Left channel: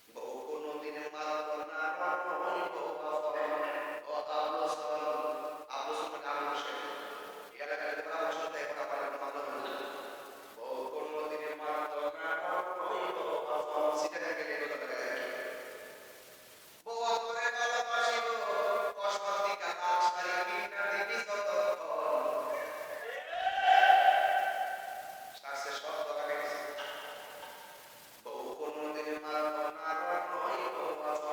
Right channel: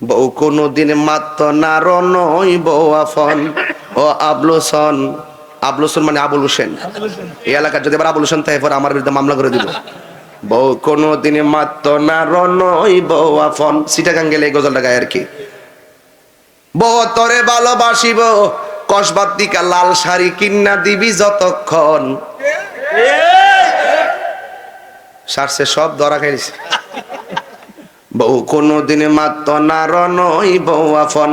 বউ কোনদিন মাত্র নার নই বউ আফন ও আবলুসন। আবলুসন মানে আবুল হোসেন। এই এলাকার যদি আবার আবুল হোসেন থাকে পরে আমার বিরুদ্ধে মামলা করে দিব। বউ কোনদিন মাত্র নার নই বউ আফন। সিটাগাং গেলে এই গজলটা গায় আর কি। বউ তরে ভালোবাসিব কসবাতিকা লাল শাড়ি কিন্না দিবি যতক্ষণ। সারছে সব ধরা খাইছে। বউ কোনদিন মাত্র নার নই বউ আফন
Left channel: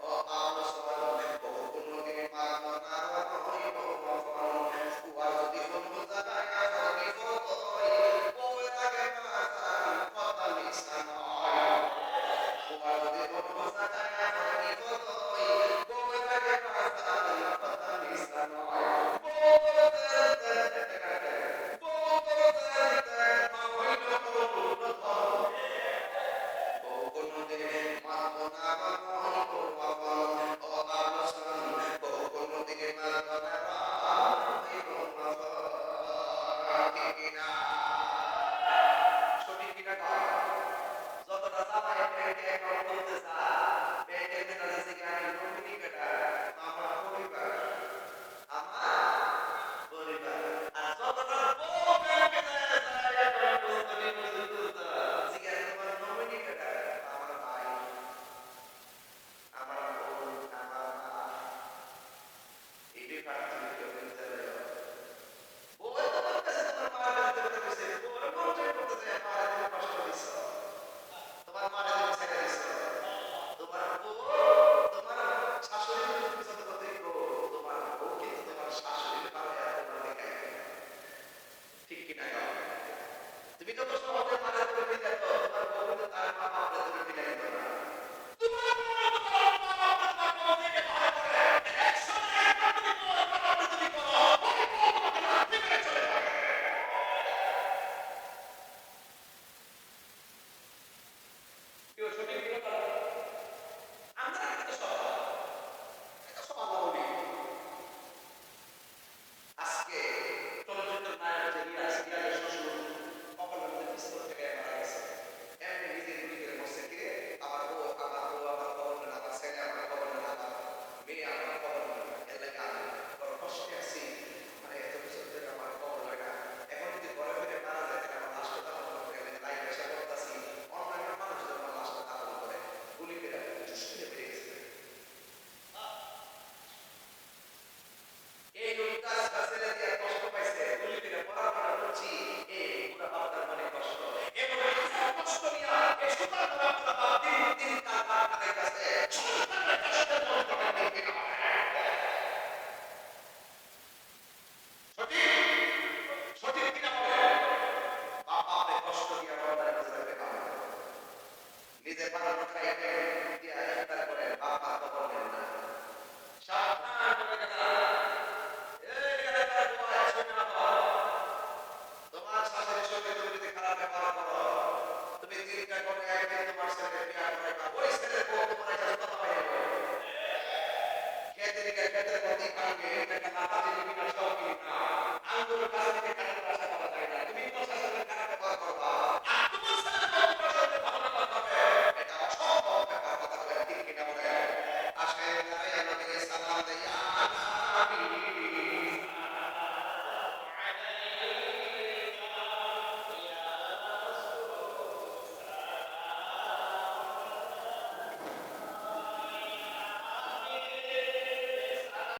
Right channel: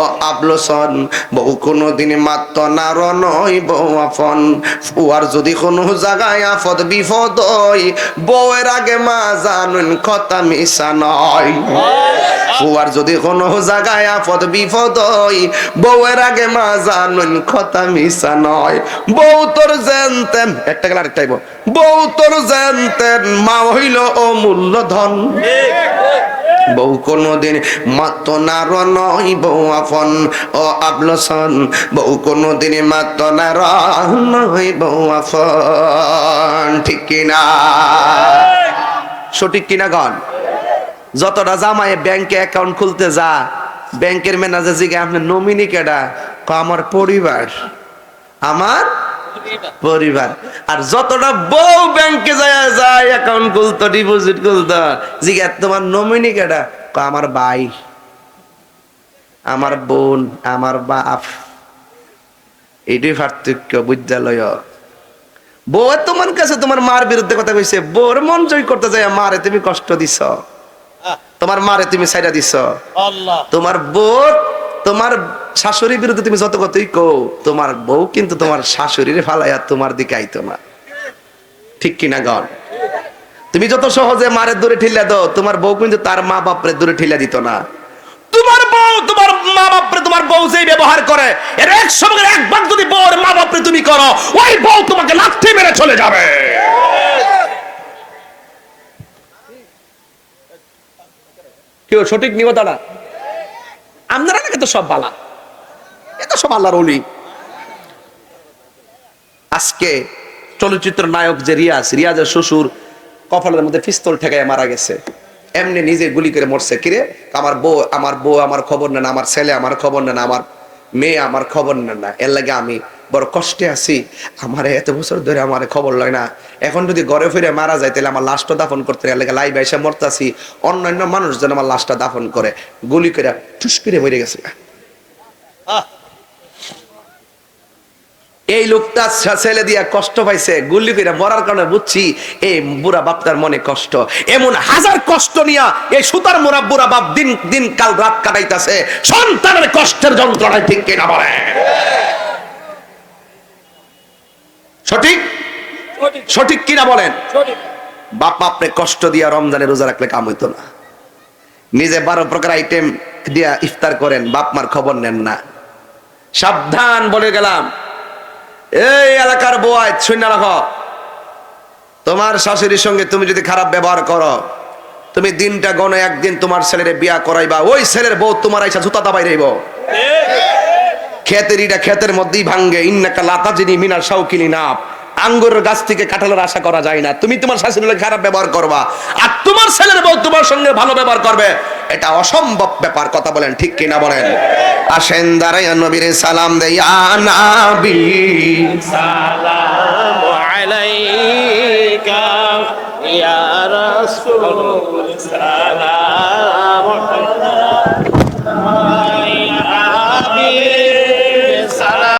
ও আবলুসন। বউ কোনদিন মাত্র নার নই বউ আফন। ফুয়ার যদি কোনো জায়গায় আফদ বিপদ হয় বউয়ের আগে মা জানুন কথা মিশা নয়। ফুয়ার যদি কোনো জায়গায় আফদ বিপদ হয় বউয়ের আগে মা জানুন কথা মিশা নয়। বউ তোর জানতেন একটা গেল আরেকটাই বউ তোর জানতেন মা হইল অমূল্য ধন। বউ কোনদিন মাত্র নার নই বউ আফন ও আবলুসন। বউ কোনদিন মাত্র নার নই বউ আফন। ঠিক কিনা? সঠিক কিনা গণ? যতটা জামাই ব্যাংকে অ্যাকাউন্ট খুলতে যা ব্যাংকের ম্যানেজার জিজ্ঞাসা আপনার নমিনি কেডা? আমার পরিবার, আমার পরিবার। আর যতটা বউ ব্যাংকে যায় অ্যাকাউন্ট খুলতো ডিপোজিট খুলতো জিজ্ঞাসা তোমার নমিনি কেডা? আমার ভাই, আমার বোন, আমার বাপ। এইটাই পার্থক্য বিদ্যালয়। বউ তোমার কাছে তোমার মার বিরুদ্ধে কথা কইছে, বউর মন জয় করতে যায় মারে তুমি কষ্ট দিছ, তোমার মারে তুমি ছাইড়া দিছ। তোমার বউ তোমার শাশুড়ির বিরুদ্ধে তুমি যত কথাই কও তোমার বউ কিন্তু তোমার শাশুড়ির ফালাইয়া তোমার দিকে আইতো না। ঠিক কিনা গণ? তুমি যত সহজে মারের দূরে ঠেলা দাও তোমার বউ কিন্তু তার মা বাপরে দূরে ঠেলা দিত না। তোমার বউ তোমার মা বাপরে তোমার বউ যেই ব্যবহার করে এর এক সঙ্গে এক ভাগ যদি বউর মা বাপরে তুমি করো ওই বউ তোমাকে লাথি মেরে চলে যাবে। কেউ সঠিক নিব তারা? আপনারা নাকি তো সব বালা, এ তো সব আল্লাহর ওলি। আজকে চলচ্চিত্র নায়ক যে রিয়াজের শ্বশুর কপালের মধ্যে পিস্তল ঠেকায় মারা গেছে, এমনি নিজে গুলি করে মরছে। কিরে আমার বউ আমার খবর নেন, আমার ছেলে আমার খবর নেন, আমার মেয়ে আমার খবর নেন না। এর লাগে আমি বড় কষ্টে আছি। আমার এত বছর ধরে আমার খবর লয় না। এখন যদি ঘরে ফিরে মারা যায় তাহলে আমার লাশটা দাফন করতে এর লাগে লাইভ এসে মরতাছি। অন্যান্য মানুষ যেন আমার লাশটা দাফন করে। গুলি করে ঠুস করে মরে গেছে। এই লোকটা ছেলে দিয়া কষ্ট পাইছে গুলি করে মরার কারণে বুঝছি এই বুড়া বাপটার মনে কষ্ট। এমন হাজার কষ্ট নিয়া এই সুতার মোরা বুড়া বাপ দিন দিন কাল রাত কাটাইতাছে সন্তানের কষ্টের যন্ত্রণায়। ঠিক কিনা বলে? সঠিক সঠিক কিনা বলেন? বাপ বাপরে কষ্ট দিয়া রমজানে রোজা রাখলে কাম হইতো না। নিজে 12 প্রকার আইটেম দিয়া ইফতার করেন, বাপ মার খবর নেন না। সাবধান বলে গেলাম। এই এলাকার বউয়াই শুনে রাখো, তোমার শাশুড়ির সঙ্গে তুমি যদি খারাপ ব্যবহার করো তুমি দিনটা গনে একদিন তোমার ছেলের বিয়া করাইবা, ওই ছেলের বউ তোমার আইসা জুতা দাবাই রইব। ক্ষেতের ইটা ক্ষেতের মধ্যেই ভাঙ্গে। ইন্নাকা লাতাজিনি মিনার শাউকিনি নাপ। আঙ্গুরের গাছ থেকে কাঁঠালের আশা করা যায় না। তুমি তোমার শাশুড়ির খারাপ ব্যবহার করবা আর তোমার ছেলের বউ তোমার সঙ্গে ভালো ব্যবহার করবে, এটা অসম্ভব ব্যাপার। কথা বলেন ঠিক কিনা বলেন? আসেন দাঁড়াইয়া নবীর সালাম দেই। ইয়া নবী সালামু আলাইকা ইয়া রাসূল